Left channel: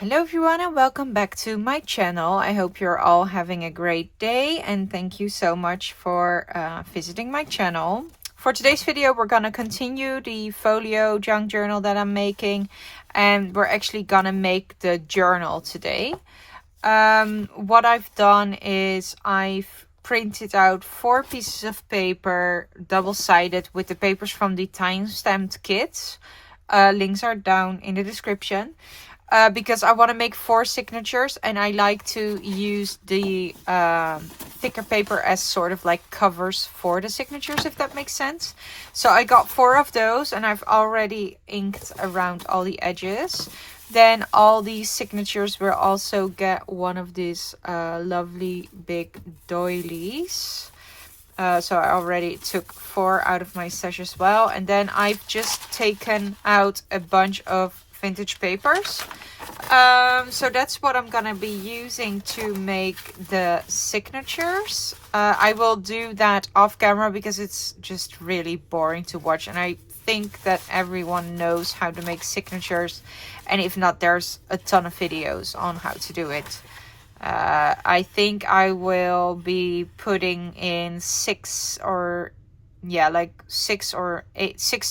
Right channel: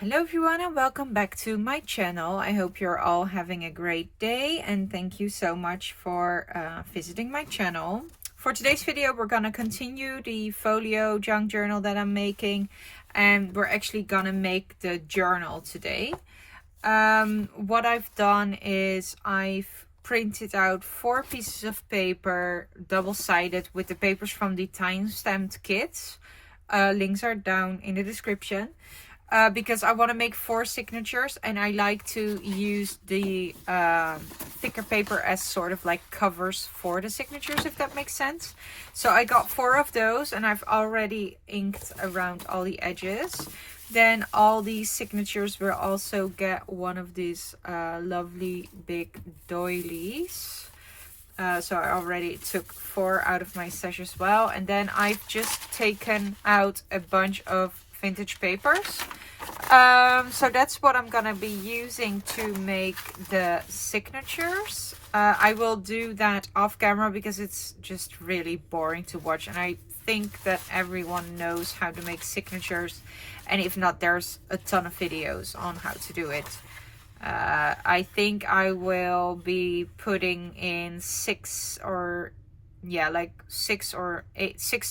Hello everyone and welcome back to my channel. I hope you're all having a great day and thank you so much for visiting my channel. For today's video we're gonna continue the folio junk journal that I'm making, and we're actually gonna make the journal today. What I've done is I've printed out 4 pieces of paper, double-sided, with the papers from the time-stamped kits. Links are down in the description. Because I want to make 4 signatures and I like to use the thicker paper as sort of like covers for the signatures, if that makes sense. So I got 4 of those and I've already inked around all the edges. Then all these signatures will also get one of these lovely big doilies. So I already took 4 out of my stash as well. And then I've just taken out a bunch of vintage papers. So that's what I'm gonna be using to make the signatures. I will do that off camera because it's just really boring to watch, and I think that everyone knows how to make signatures, and if not, there's a ton of videos on how to do it. I think I will be putting in 6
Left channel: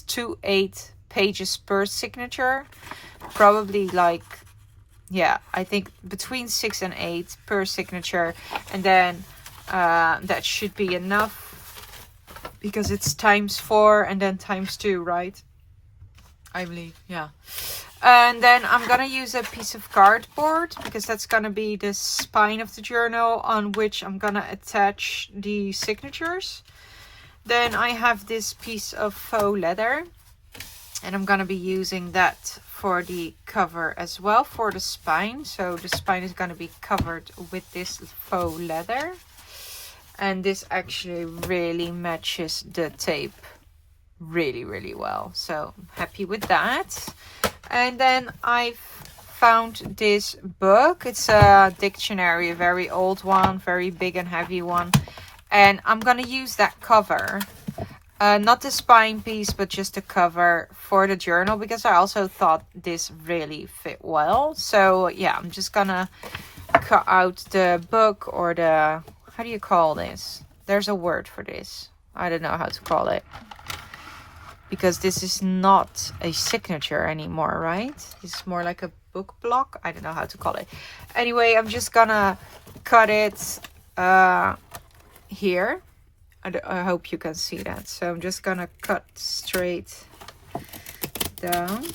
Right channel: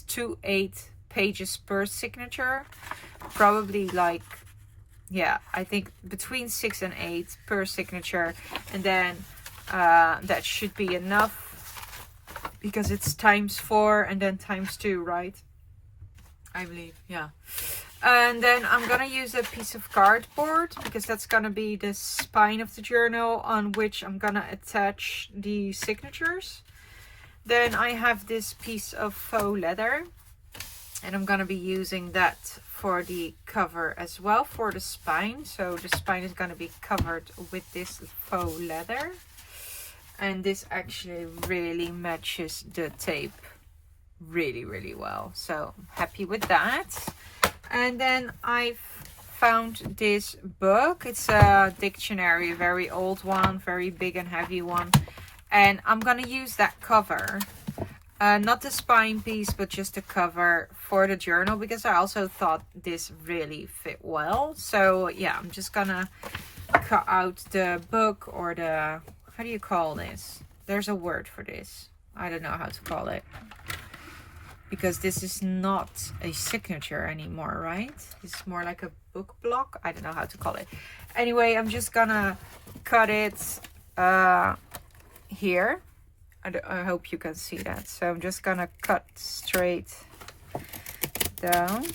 to 8 pages per signature, probably like, yeah, I think between 6 and 8 per signature, and then that should be enough because it's ×4 and then ×2, right? I believe, yeah. And then I'm gonna use a piece of cardboard because that's gonna be the spine of the journal on which I'm gonna attach the signatures. Then I have this piece of faux leather, and I'm gonna be using that for the cover as well, for the spine. So the spine is gonna be covered with this faux leather, and this actually really matches the tape really well, so I'm happy with that. And then I've found this book. It's a dictionary, a very old one, very big and heavy one, and I'm gonna use that cover. Not the spine piece, but just the cover for the journal, because I also thought this really fit well. So yeah, I'm just gonna cut out the book, or the, how do you call this? There's a word for this. I don't know how to call it, because this is not a signature anymore, right? It's more like a book block. I don't know how to call it. Anyway, I'm just gonna cut it here. I hope you can see that. So I'm just gonna cut straight down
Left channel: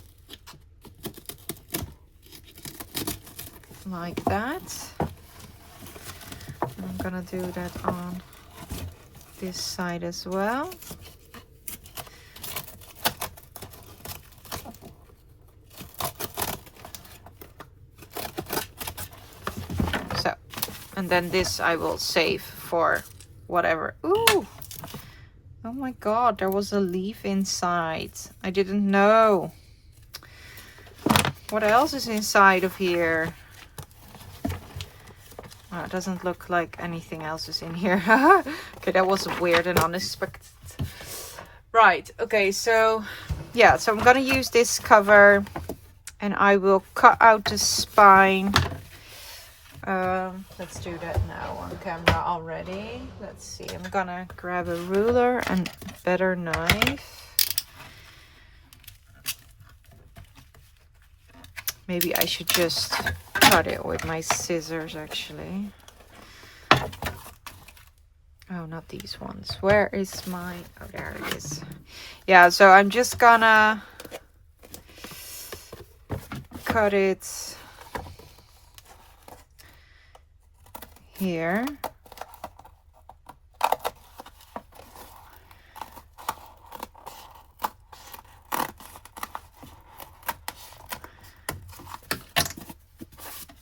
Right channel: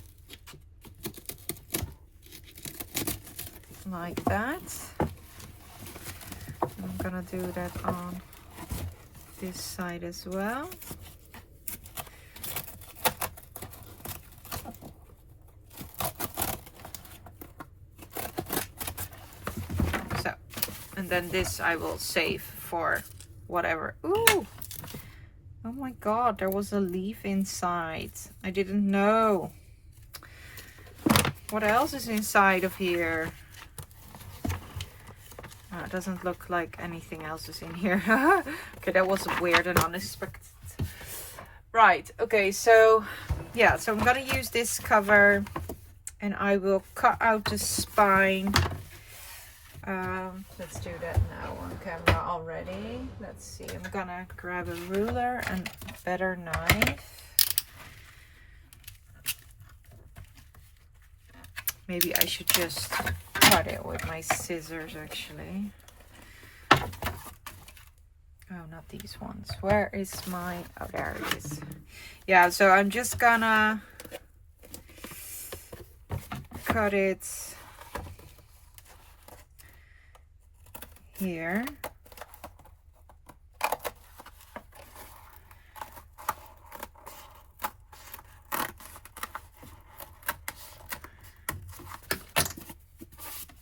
like that. And I'm gonna do that on this side as well. So, and then this I will save for whatever. Ooh, oh my god, there was a leaf inside. I didn't know. What else is inside of here? Oh, it doesn't look like anything else is in here. Okay, that was weird and unexpected. Right, okay, so yeah, so I'm gonna use this cover and I will cut out the spine. Let's do that now on camera already. Let's see, I'm gonna grab a ruler and better knife. Maybe I should just cut it with my scissors, actually. Oh, not these ones. Where is my, oh, there it is. Yeah, so I'm just gonna cut it here.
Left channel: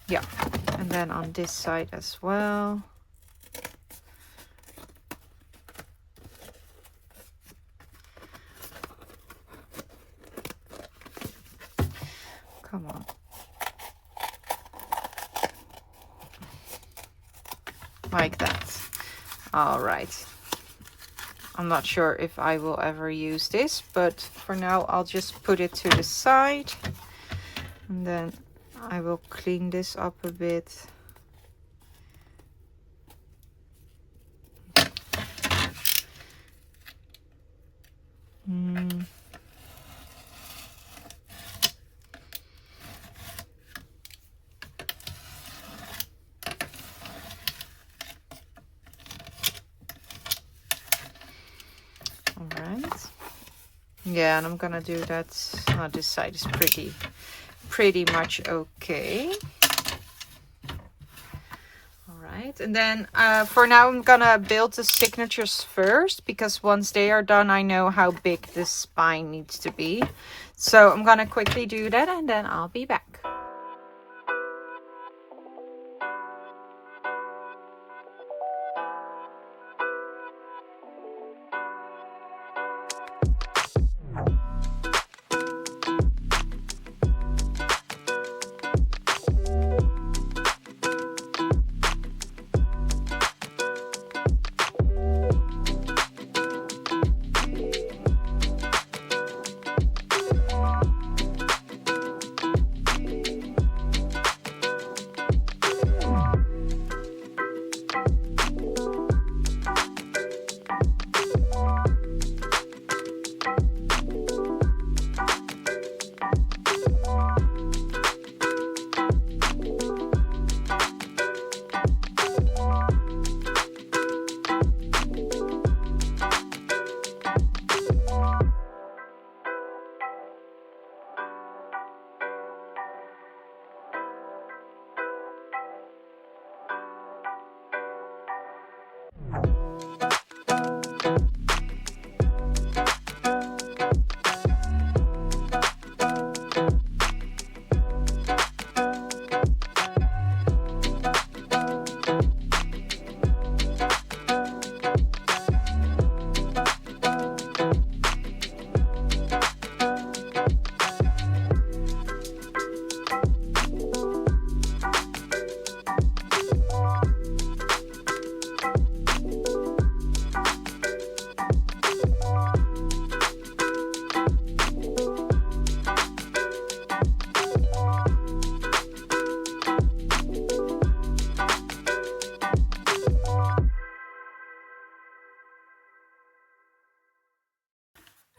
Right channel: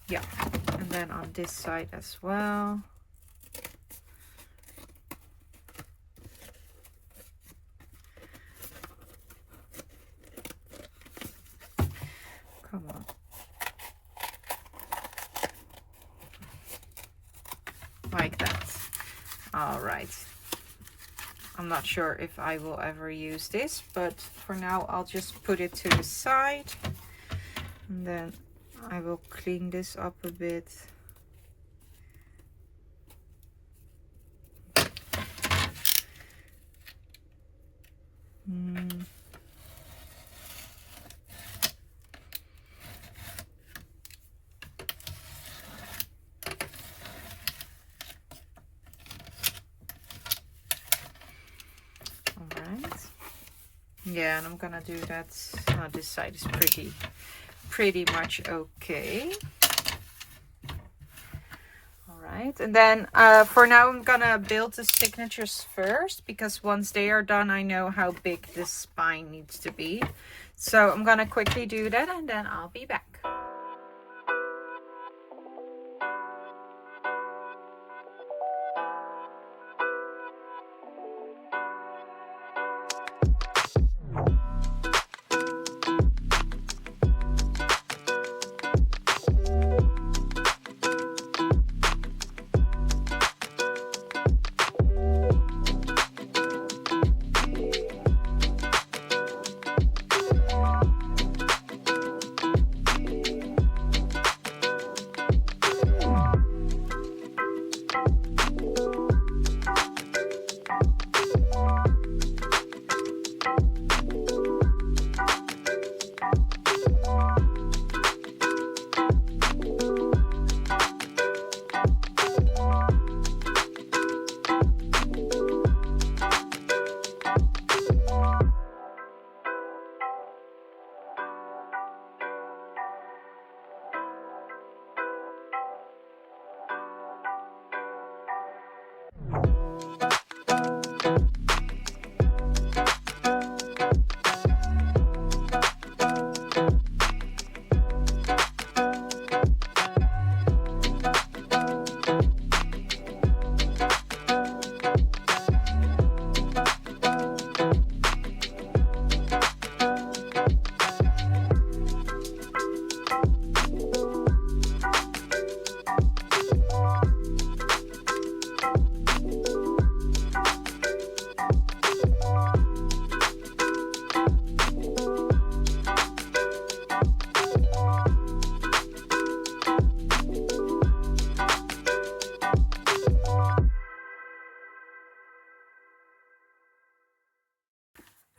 Yeah, and then on this side as well. Come on. Like that. All right. I'm not sure if I will ever use this, but for now I'll just put it to the side, and then I will clean this up a bit. Alright. Yeah, and I'm gonna do that. Oh, this side is pretty much okay. Alright, and then for now I'm gonna build the signatures first, because once they are done I know how big this spine needs to be. So I'm gonna quickly do that and then I'll be back.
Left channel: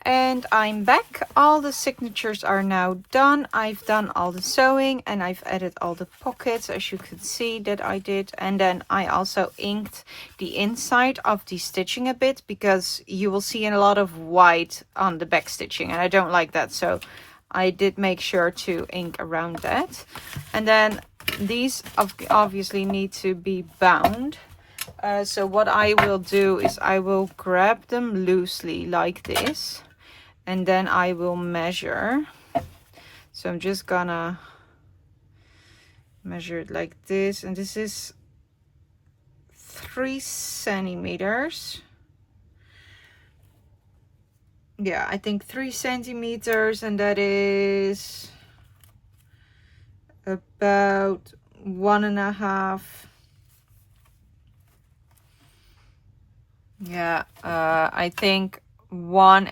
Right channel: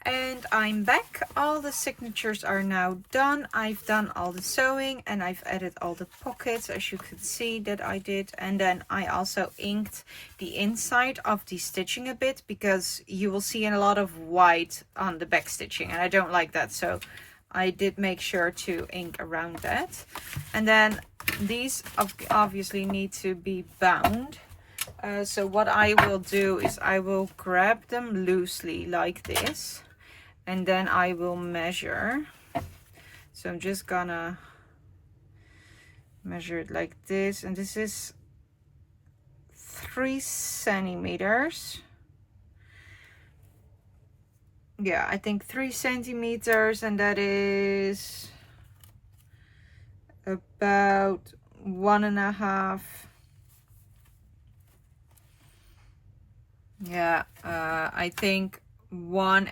And I'm back. All the signatures are now done. I've done all the sewing and I've added all the pockets, as you can see that I did. And then I also inked the inside of the stitching a bit, because you will see a lot of white on the back stitching and I don't like that. So I did make sure to ink around that. And then these obviously need to be bound. So what I will do is I will grab them loosely like this. And then I will measure. So I'm just gonna measure it like this. And this is 3 centimeters. Yeah, I think 3 centimeters. And that is about 1.5. Yeah, I think 1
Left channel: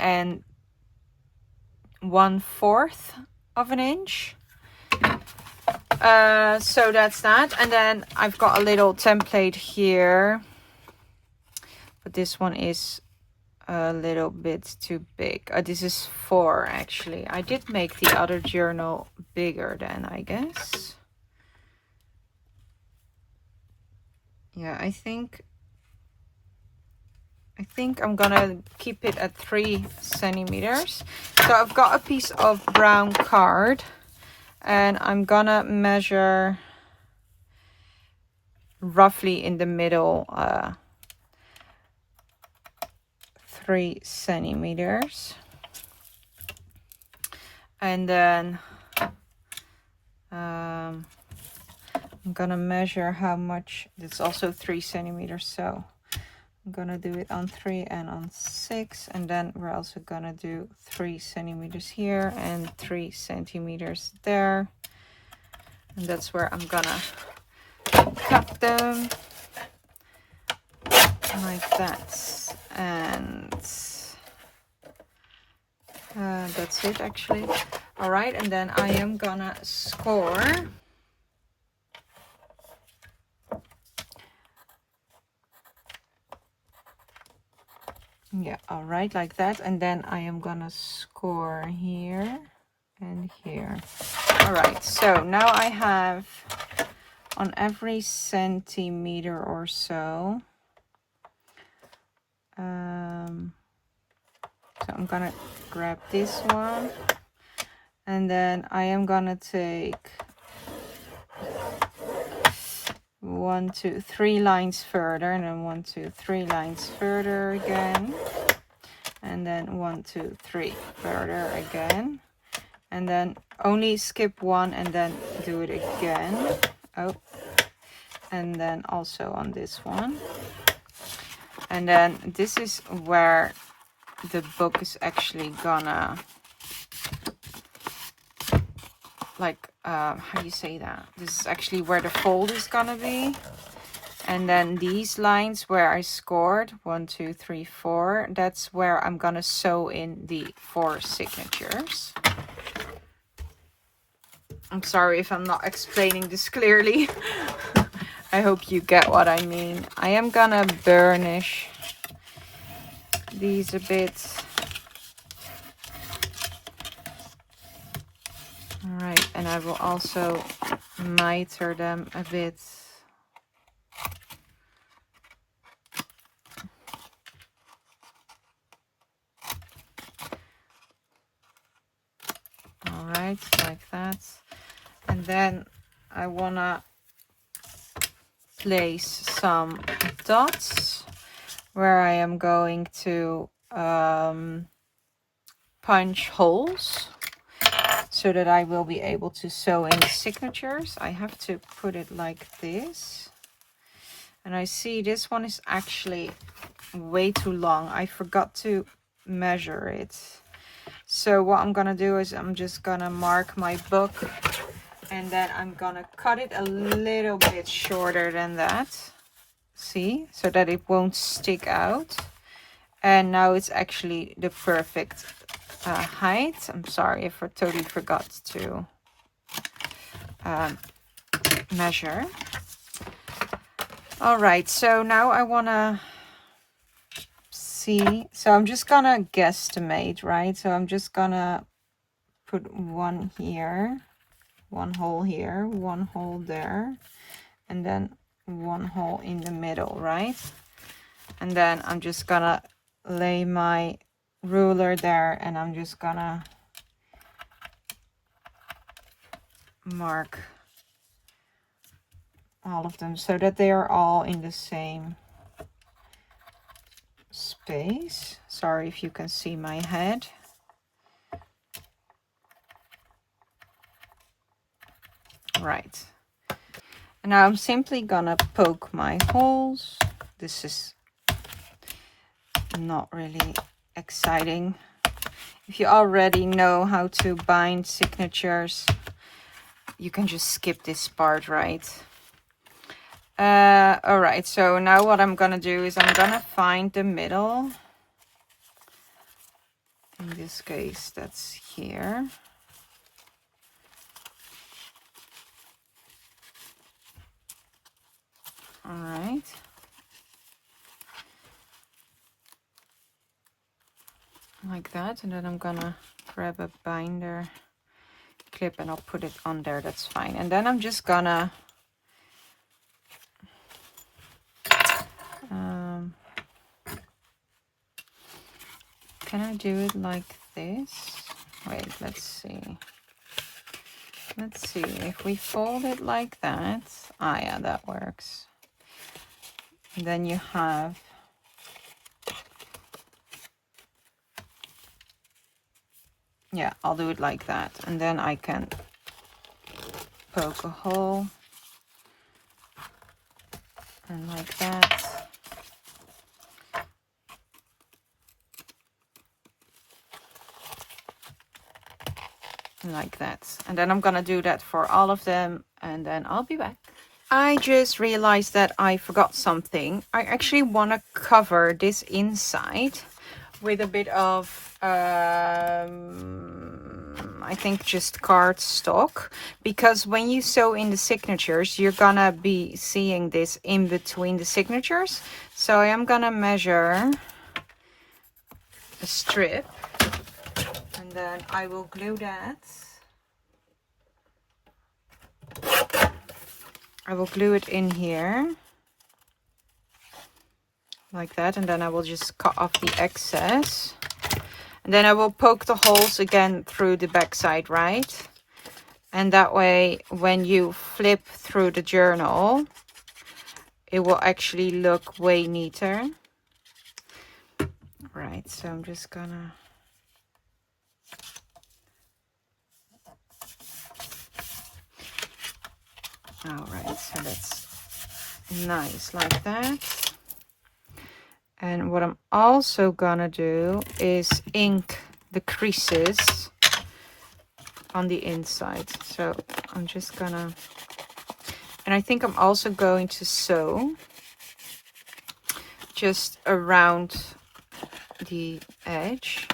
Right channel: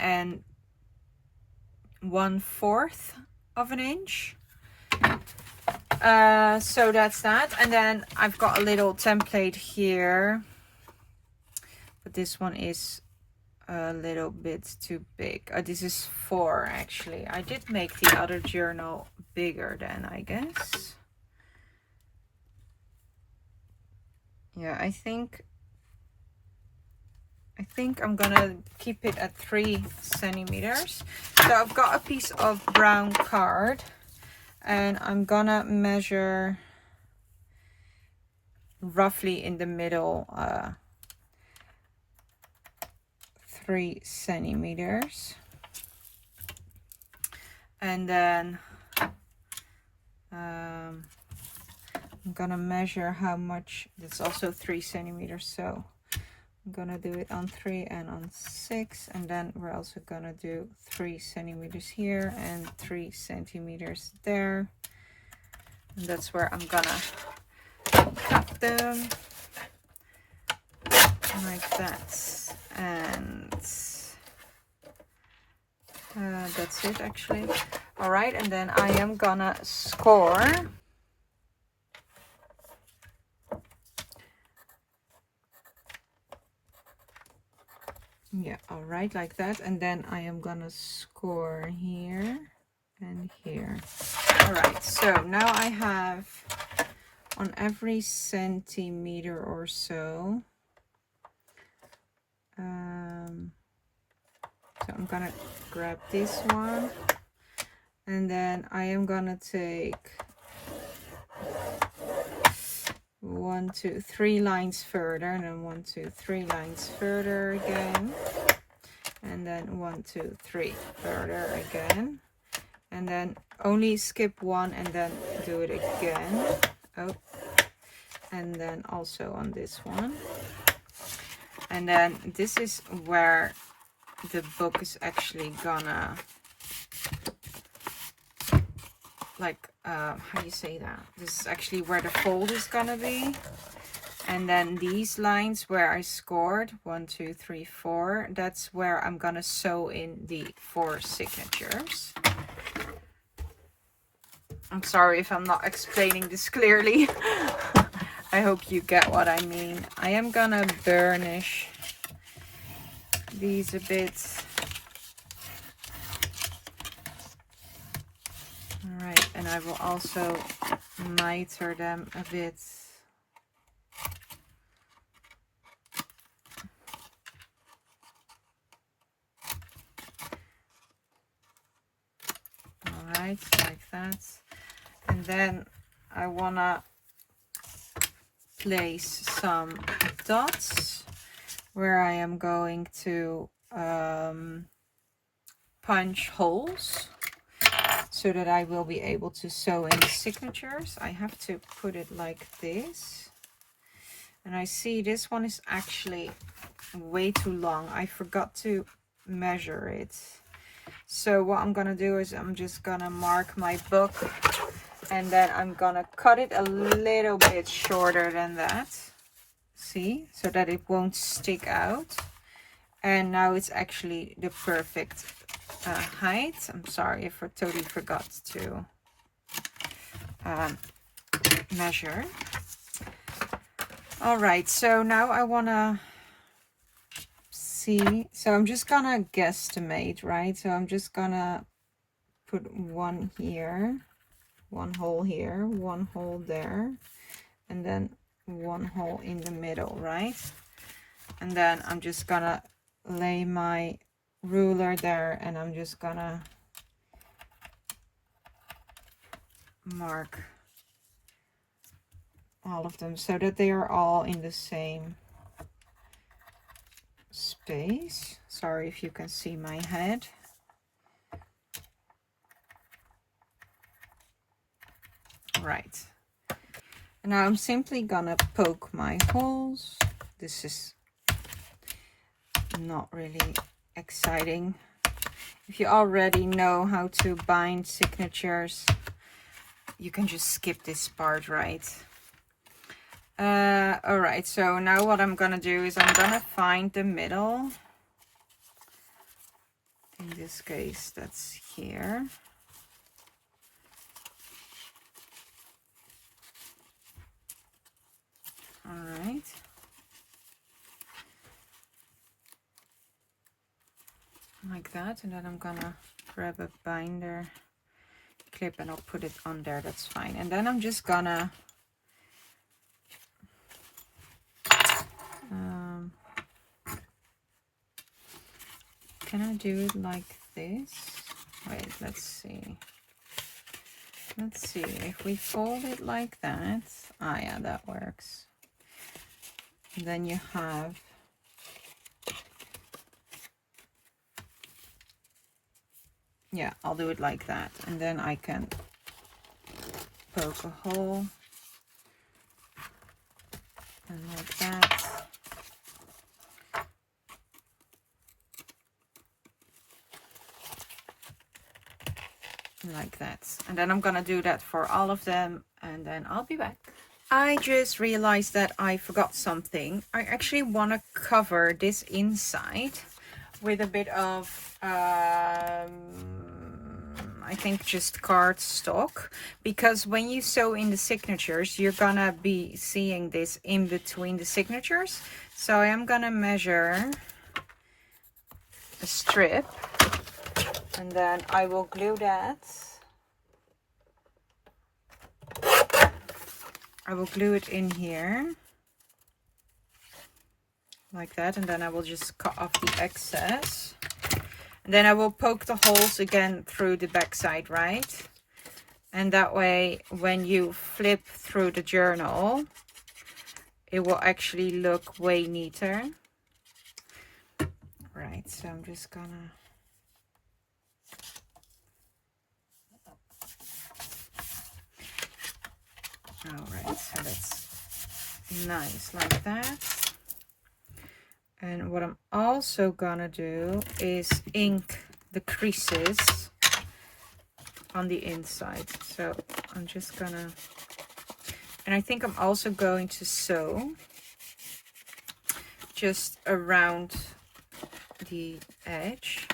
1/4 of an inch. So that's that. And then I've got a little template here, but this one is a little bit too big. This is 4 actually. I did make the other journal bigger then, I guess. Yeah, I think I'm gonna keep it at 3 centimeters. So I've got a piece of brown card and I'm gonna measure roughly in the middle 3 centimeters. And then I'm gonna measure how much. It's also 3 centimeters, so I'm gonna do it on 3 and on 6, and then we're also gonna do 3 centimeters here and 3 centimeters there, and that's where I'm gonna cut them like that. And that's it actually. All right, and then I am gonna score. Yeah, all right, like that. And then I am gonna score here and here. All right, so now I have on every centimeter or so. So I'm gonna grab this one, and then I am gonna take 1, 2, 3 lines further, and then 1, 2, 3 lines further again, and then 1, 2, 3 further again, and then only skip one and then do it again. Oh, and then also on this one. And then this is where the book is actually gonna, like, how do you say that? This is actually where the fold is gonna be. And then these lines where I scored 1, 2, 3, 4, that's where I'm gonna sew in the 4 signatures. I'm sorry if I'm not explaining this clearly. I hope you get what I mean. I am gonna burnish these a bit. All right, and I will also miter them a bit. All right, like that. And then I wanna place some dots where I am going to punch holes so that I will be able to sew in the signatures. I have to put it like this. And I see this one is actually way too long. I forgot to measure it. So what I'm gonna do is I'm just gonna mark my book, and then I'm gonna cut it a little bit shorter than that. See, so that it won't stick out. And now it's actually the perfect height. I'm sorry if I totally forgot to measure. All right, so now I wanna see, so I'm just gonna guesstimate, right? So I'm just gonna put one here, one hole here, one hole there, and then one hole in the middle, right? And then I'm just gonna lay my ruler there, and I'm just gonna mark all of them so that they are all in the same space. Sorry if you can see my head. Right, and now I'm simply gonna poke my holes. This is not really exciting. If you already know how to bind signatures, you can just skip this part, right? All right, so now what I'm gonna do is I'm gonna find the middle. In this case, that's here. All right. Like that, and then I'm gonna grab a binder clip and I'll put it on there. That's fine. And then I'm just gonna can I do it like this? Wait, let's see. Let's see if we fold it like that. Ah, yeah, that works. And then you have yeah, I'll do it like that, and then I can poke a hole and like that. And like that. And then I'm gonna do that for all of them, and then I'll be back. I just realized that I forgot something. I actually want to cover this inside with a bit of I think just cardstock, because when you sew in the signatures, you're gonna be seeing this in between the signatures. So I am gonna measure a strip, and then I will glue that. I will glue it in here like that, and then I will just cut off the excess, and then I will poke the holes again through the back side, right? And that way when you flip through the journal, it will actually look way neater. Right, so I'm just gonna all right, so that's nice like that. And what I'm also gonna do is ink the creases on the inside. So I'm just gonna, and I think I'm also going to sew just around the edge.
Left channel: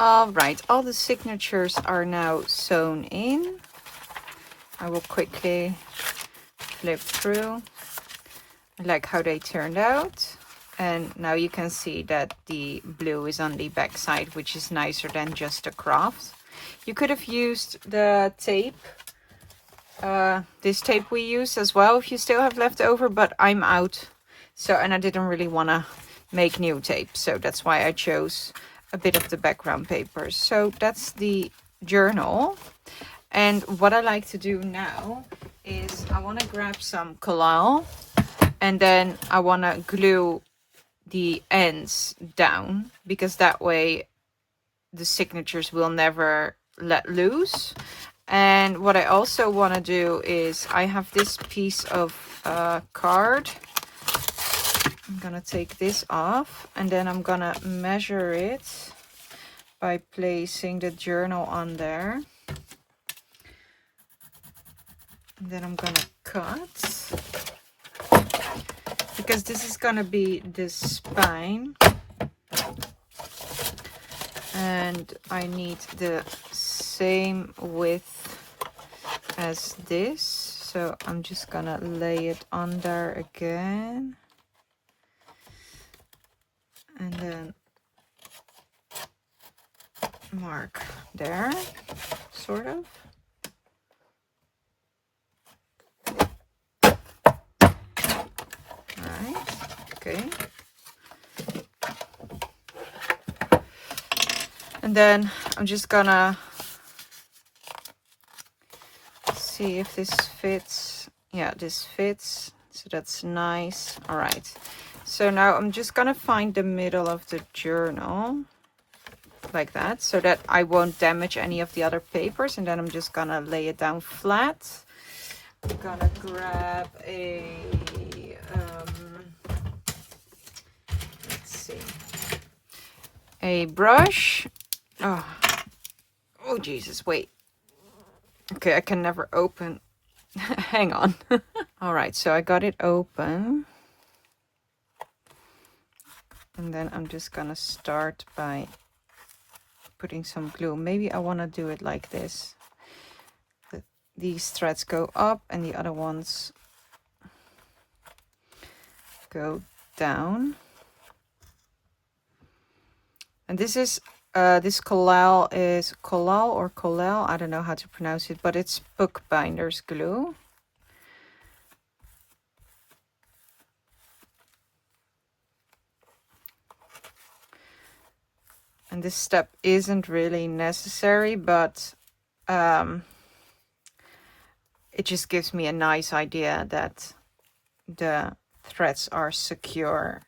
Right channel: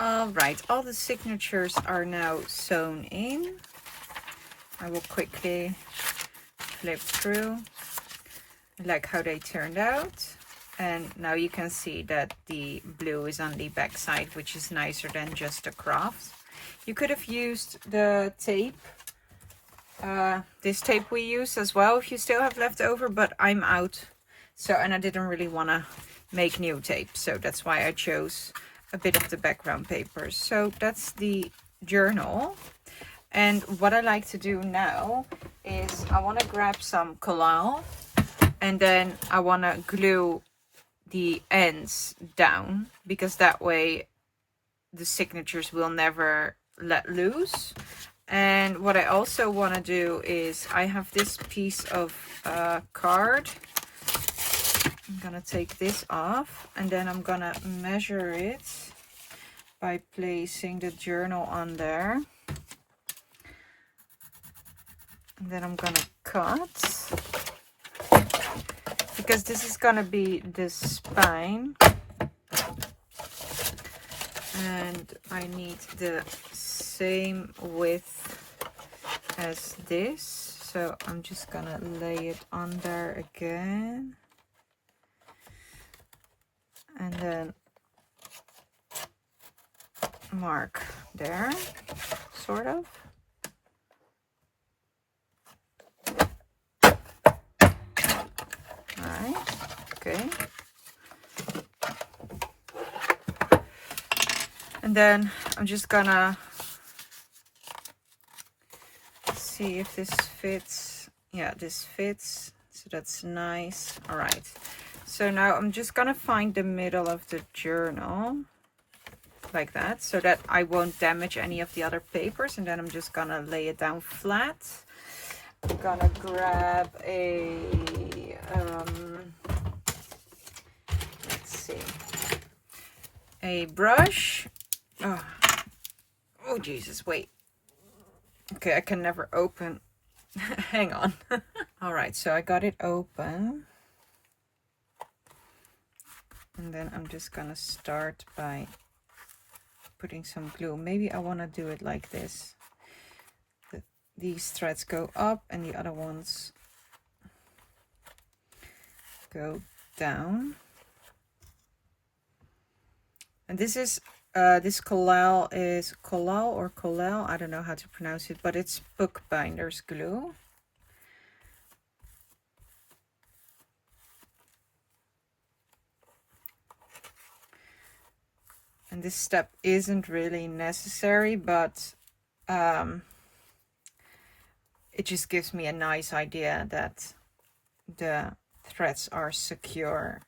All right, all the signatures are now sewn in. I will quickly flip through. I like how they turned out. And now you can see that the blue is on the back side, which is nicer than just a craft. You could have used the tape, this tape we used as well, if you still have left over, but I'm out. So, and I didn't really want to make new tape. So that's why I chose a bit of the background paper. So that's the journal. And what I like to do now is I want to grab some collal, and then I want to glue the ends down, because that way the signatures will never let loose. And what I also want to do is I have this piece of card. I'm gonna take this off, and then I'm gonna measure it by placing the journal on there. And then I'm gonna cut, because this is gonna be the spine, and I need the same width as this. So I'm just gonna lay it on there again, and then mark there, sort of. Alright, okay. And then I'm just gonna see if this fits. Yeah, this fits, so that's nice. All right, so now I'm just gonna find the middle of the journal like that, so that I won't damage any of the other papers, and then I'm just gonna lay it down flat. I'm gonna grab a let's see, a brush. Oh Jesus, wait. Okay, I can never open. Hang on. All right, so I got it open. And then I'm just gonna start by putting some glue. Maybe I want to do it like this. These threads go up and the other ones go down. And this is this collal is collal or collal, I don't know how to pronounce it, but it's bookbinder's glue. And this step isn't really necessary, but it just gives me a nice idea that the threads are secure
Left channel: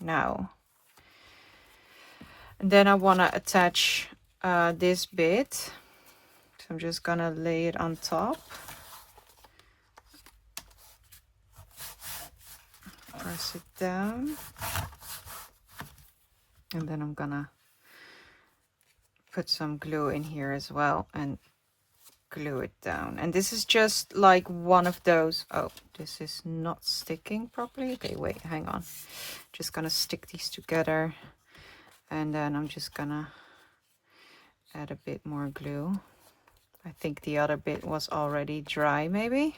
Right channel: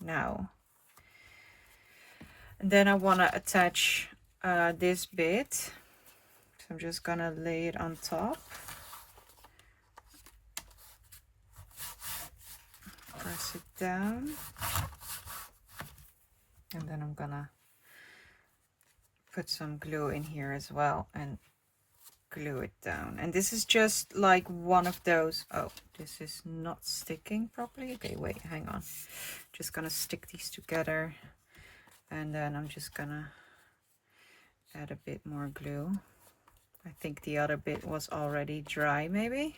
now. And then I want to attach this bit, so I'm just gonna lay it on top, press it down, and then I'm gonna put some glue in here as well and glue it down. And this is just like one of those, oh, this is not sticking properly. Okay, wait, hang on, just gonna stick these together, and then I'm just gonna add a bit more glue. I think the other bit was already dry, maybe.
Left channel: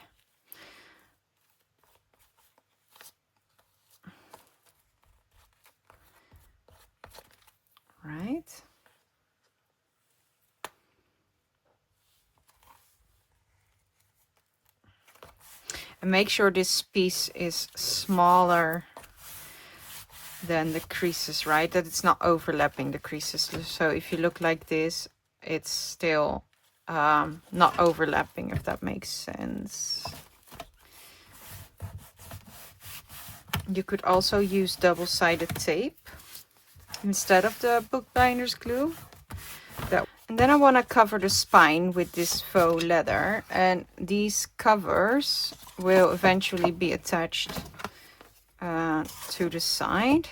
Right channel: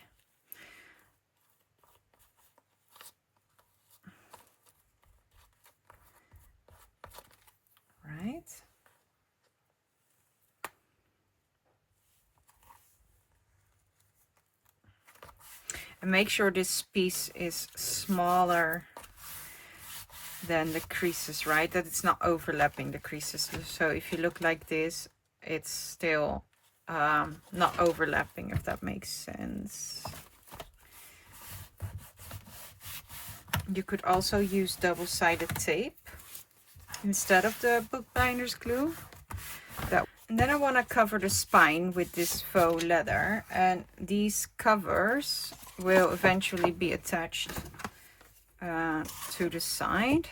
And make sure this piece is smaller than the creases, right? That it's not overlapping the creases. So if you look like this, it's still not overlapping, if that makes sense. You could also use double-sided tape instead of the bookbinder's glue. And then I want to cover the spine with this faux leather, and these covers will eventually be attached to the side.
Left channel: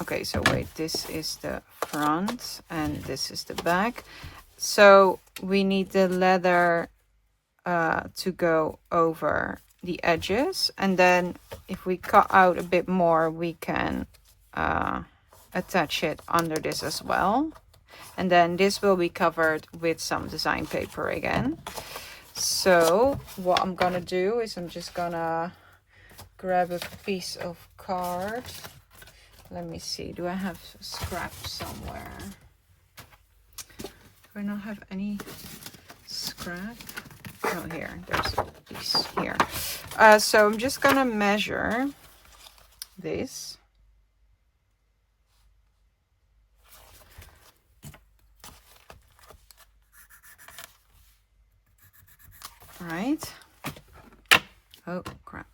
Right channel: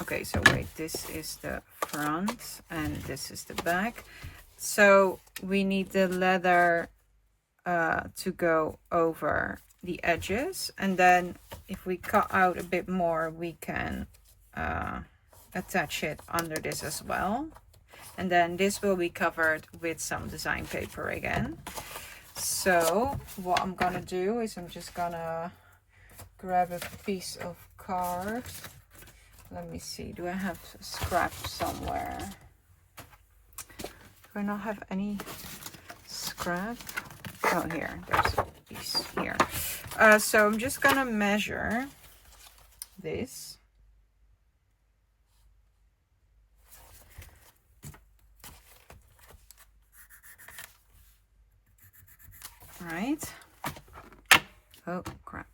Okay, so wait, this is the front and this is the back. So we need the leather to go over the edges, and then if we cut out a bit more, we can attach it under this as well. And then this will be covered with some design paper again. So what I'm gonna do is I'm just gonna grab a piece of card. Let me see, do I have scrap somewhere? Do I not have any scrap? Oh, here, there's a piece here. So I'm just gonna measure this. Right. Oh, crap.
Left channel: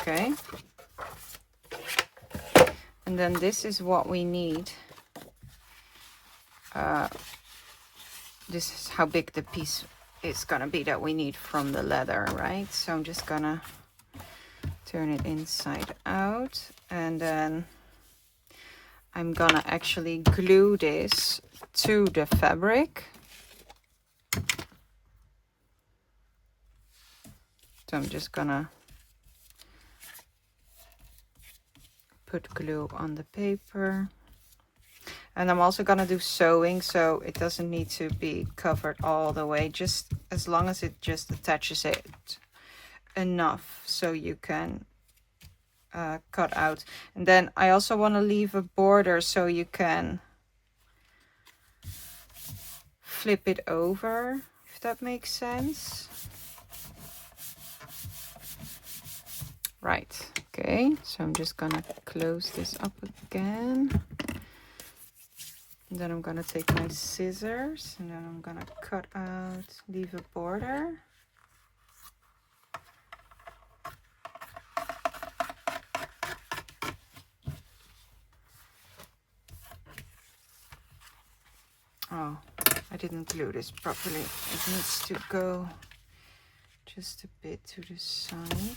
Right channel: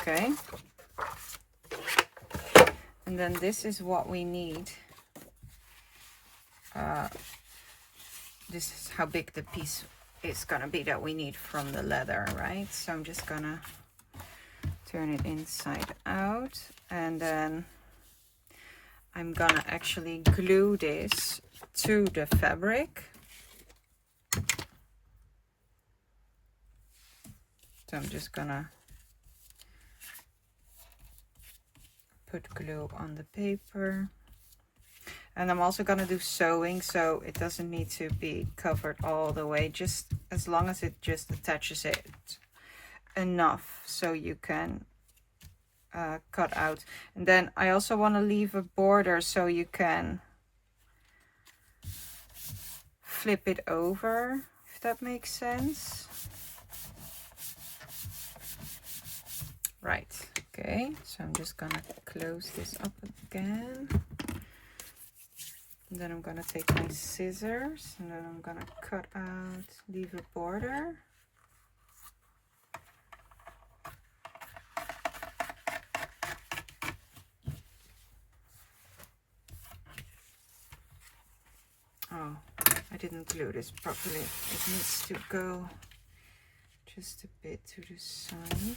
Okay. And then this is what we need. This is how big the piece is gonna be that we need from the leather, right? So I'm just gonna turn it inside out, and then I'm gonna actually glue this to the fabric. So I'm just gonna put glue on the paper. And I'm also gonna do sewing, so it doesn't need to be covered all the way, just as long as it just attaches it enough so you can cut out. And then I also want to leave a border so you can flip it over, if that makes sense. Right, okay, so I'm just gonna close this up again. And then I'm gonna take my scissors and then I'm gonna cut out, leave a border. Oh, I didn't glue this properly. It needs to go just a bit to the side.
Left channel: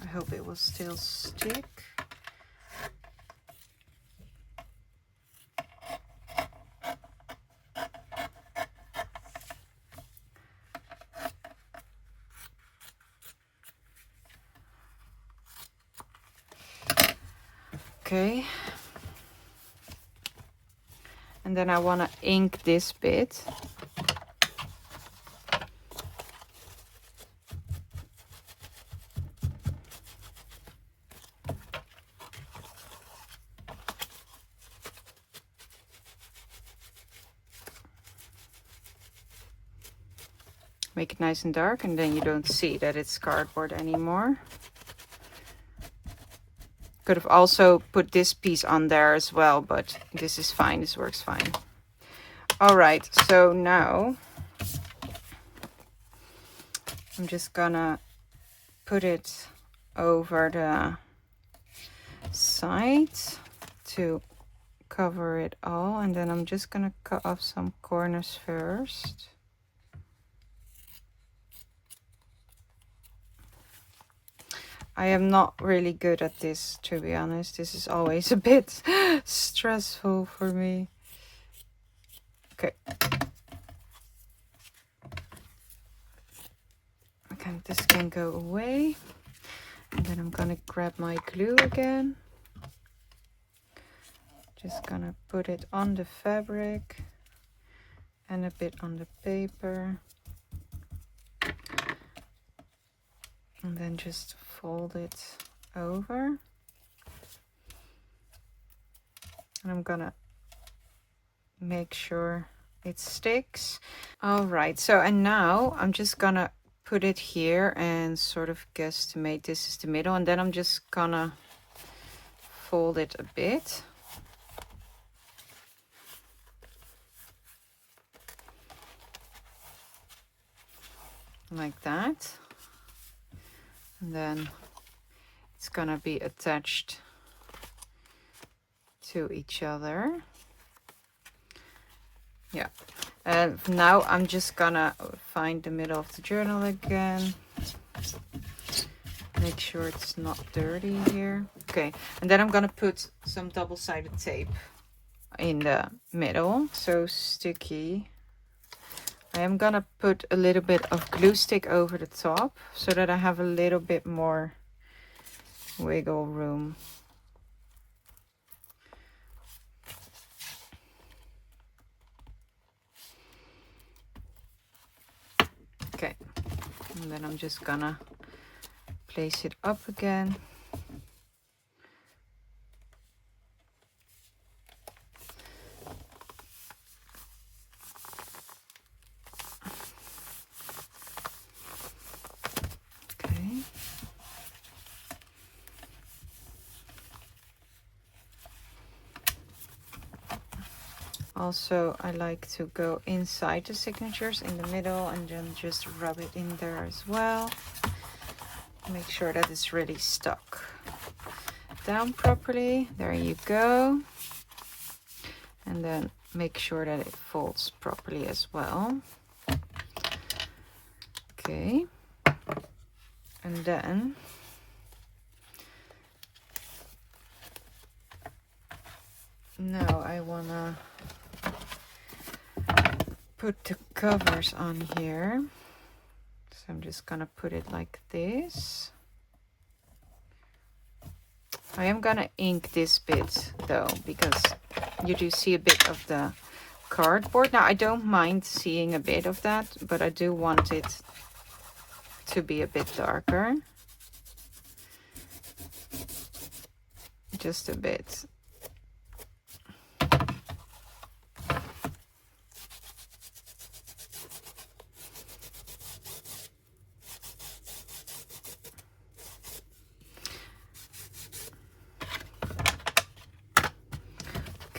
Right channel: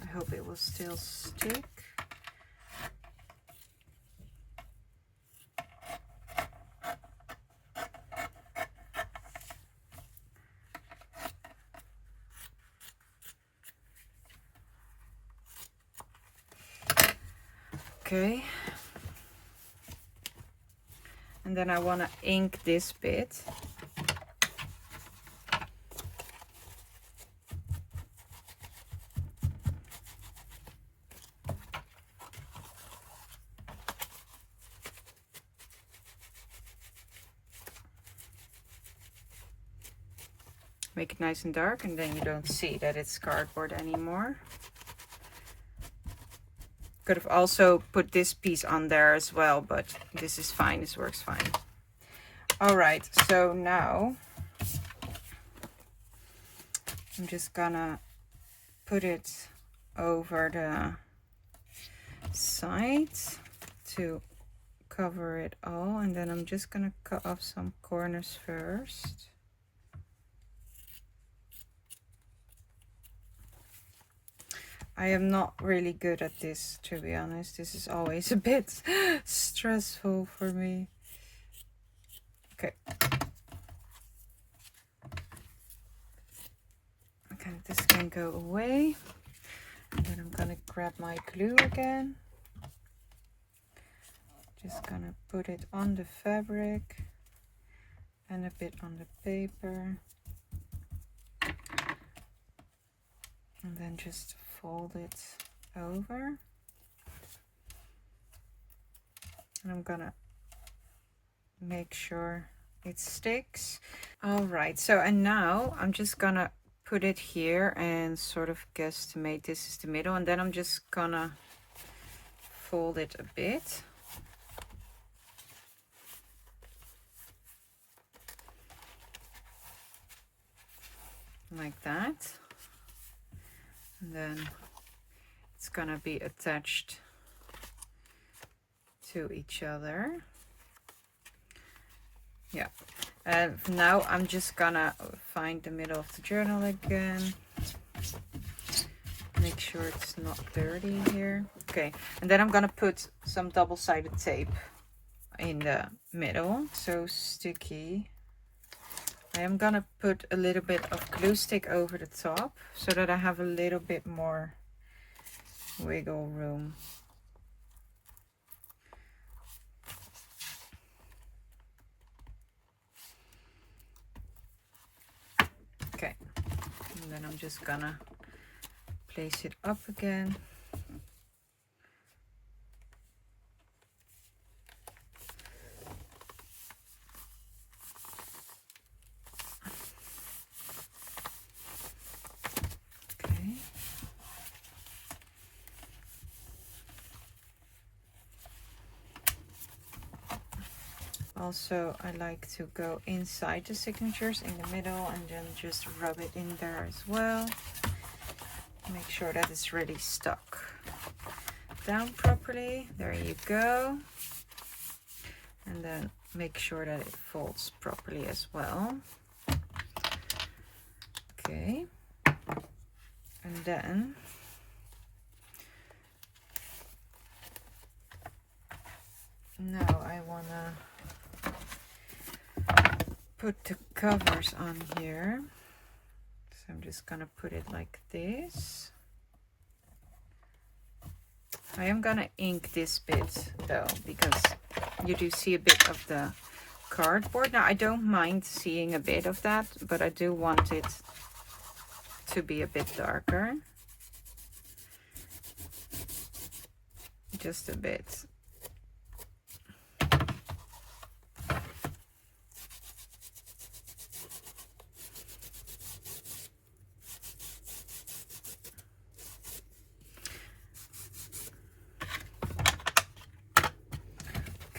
I hope it will still stick. Okay. And then I want to ink this bit. Make it nice and dark, and then you don't see that it's cardboard anymore. Could have also put this piece on there as well, but this is fine. This works fine. All right, so now I'm just gonna put it over the side to cover it all, and then I'm just gonna cut off some corners first. I am not really good at this, to be honest. This is always a bit stressful for me. Okay. Okay, this can go away. And then I'm gonna grab my glue again. Just gonna put it on the fabric and a bit on the paper. And then just fold it over. And I'm gonna make sure it sticks. All right, so and now I'm just gonna put it here and sort of guesstimate this is the middle, and then I'm just gonna fold it a bit. Like that. And then it's gonna be attached to each other. Yeah. And now I'm just gonna find the middle of the journal again. Make sure it's not dirty here. Okay, and then I'm gonna put some double-sided tape in the middle, so sticky. I am gonna put a little bit of glue stick over the top so that I have a little bit more wiggle room. Okay, and then I'm just gonna place it up again. Also, I like to go inside the signatures in the middle and then just rub it in there as well. Make sure that it's really stuck down properly. There you go. And then make sure that it folds properly as well. Okay. And then now I wanna put the covers on here. So I'm just gonna put it like this. I am gonna ink this bit though, because you do see a bit of the cardboard. Now I don't mind seeing a bit of that, but I do want it to be a bit darker. Just a bit.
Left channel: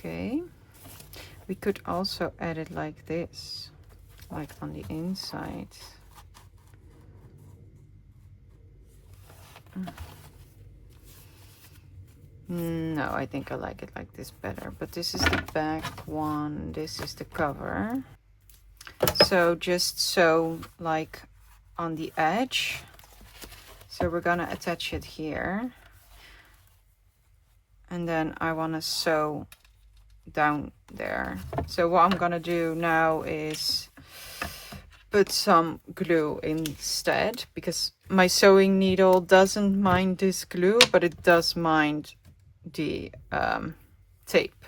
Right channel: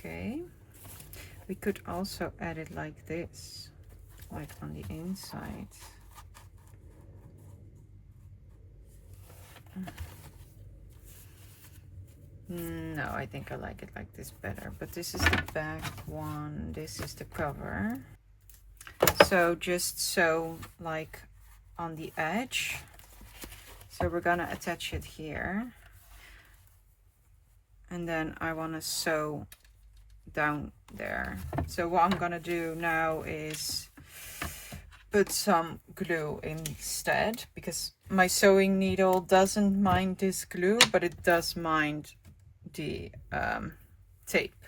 Okay, we could also add it like this, like on the inside. No, I think I like it like this better, but this is the back one, this is the cover. So just sew like on the edge. So we're gonna attach it here. And then I wanna sew down there. So what I'm gonna do now is put some glue instead, because my sewing needle doesn't mind this glue, but it does mind the tape.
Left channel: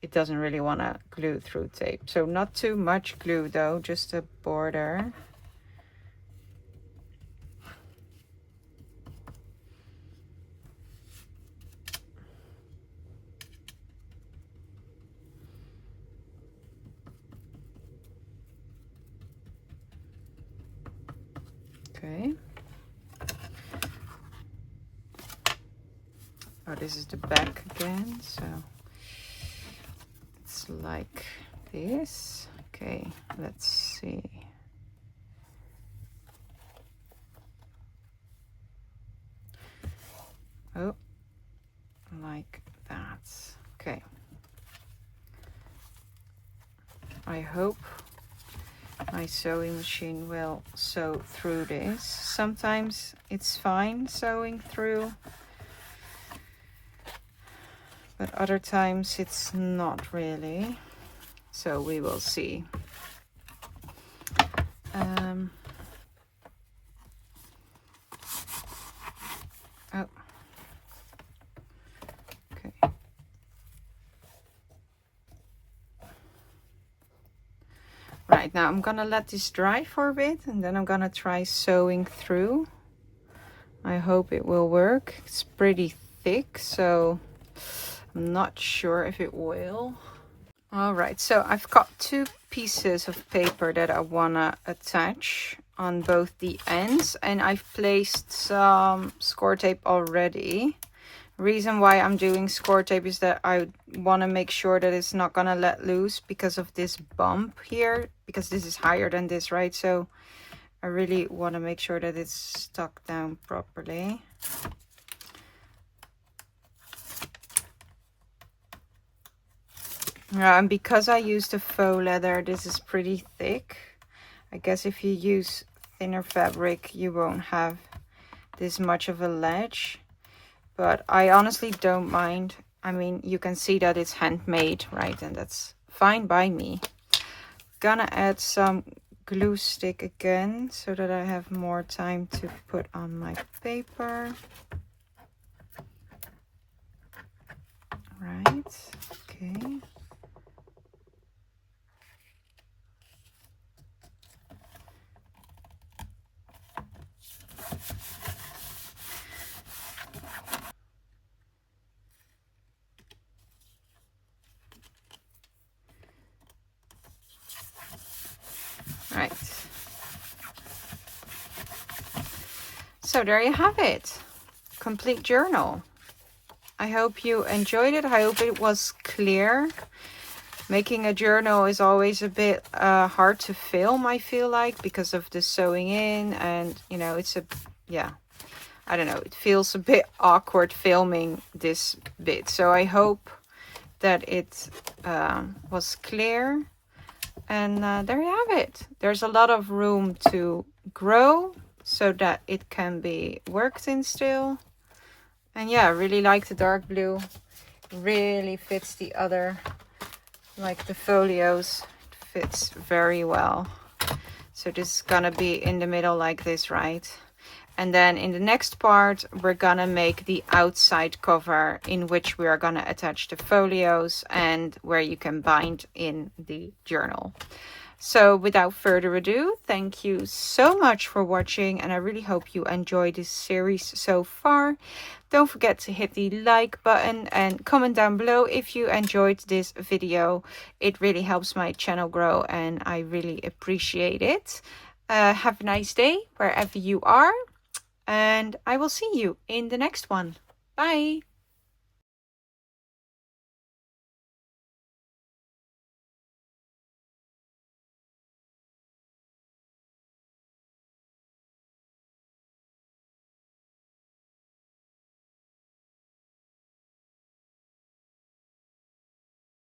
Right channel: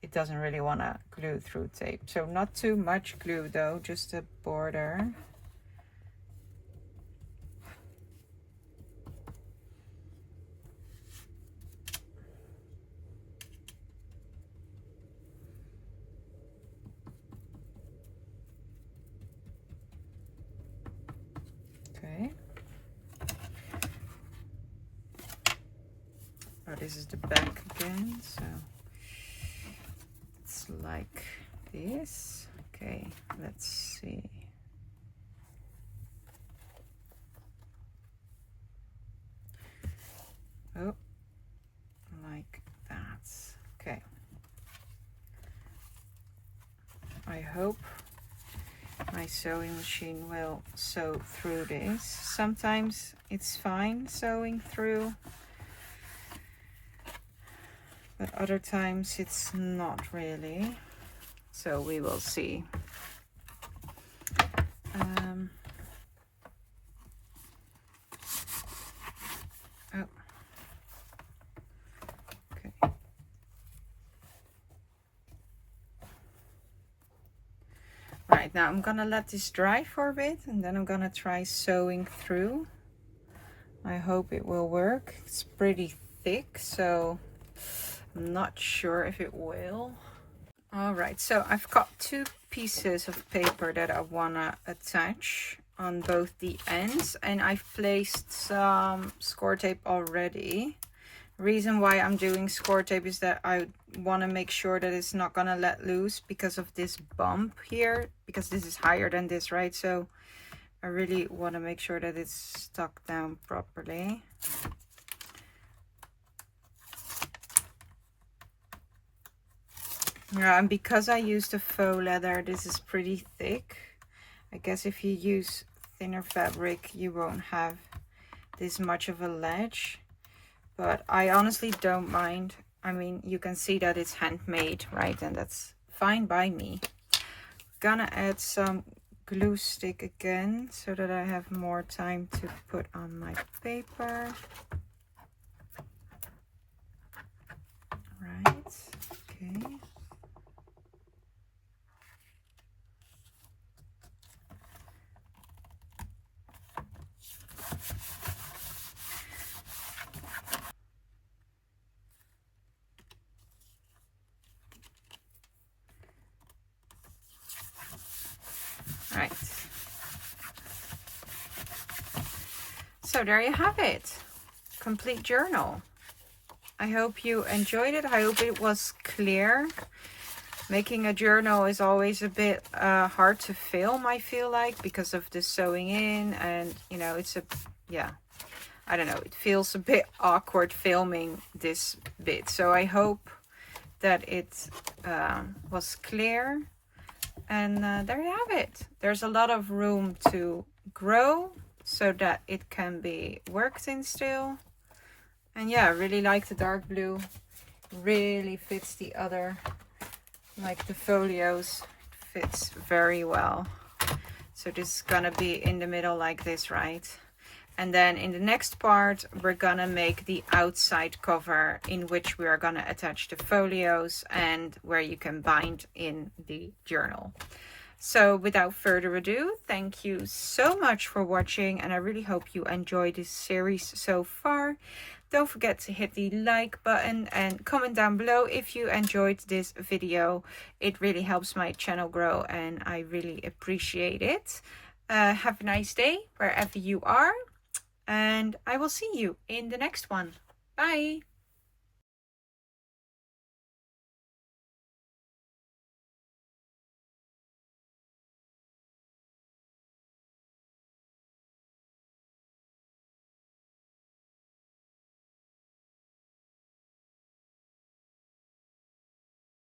It doesn't really want to glue through tape. So not too much glue though, just a border. Okay. Oh, this is the back again, so it's like this. Okay, let's see. Oh, like that. Okay. I hope my sewing machine will sew through this. Sometimes it's fine sewing through, but other times it's not really. So we will see. Oh. Okay. Right, now I'm gonna let this dry for a bit and then I'm gonna try sewing through. I hope it will work. It's pretty thick, so I'm not sure if it will. All right, so I've got 2 pieces of paper that I wanna attach on both the ends, and I've placed some score tape already. Reason why I'm doing score tape is that I want to make sure that it's not gonna let loose because of this bump here, because this is higher than this, right? So I really want to make sure that it's stuck down properly. And because I used a faux leather, this is pretty thick. I guess if you use thinner fabric, you won't have this much of a ledge. But I honestly don't mind. I mean, you can see that it's handmade, right? And that's fine by me. Gonna add some glue stick again so that I have more time to put on my paper. Right, okay. Right. So there you have it. Complete journal. I hope you enjoyed it. I hope it was clear. Making a journal is always a bit hard to film, I feel like, because of the sewing in, and you know, it's a, yeah, I don't know, it feels a bit awkward filming this bit. So I hope that it was clear. And there you have it. There's a lot of room to grow so that it can be worked in still. And yeah, I really like the dark blue. Really fits the other, like the folios. It fits very well. So this is gonna be in the middle like this, right? And then in the next part, we're gonna make the outside cover in which we are gonna attach the folios and where you can bind in the journal. So without further ado, thank you so much for watching, and I really hope you enjoyed this series so far. Don't forget to hit the like button and comment down below if you enjoyed this video. It really helps my channel grow and I really appreciate it. Have a nice day wherever you are. And I will see you in the next one. Bye.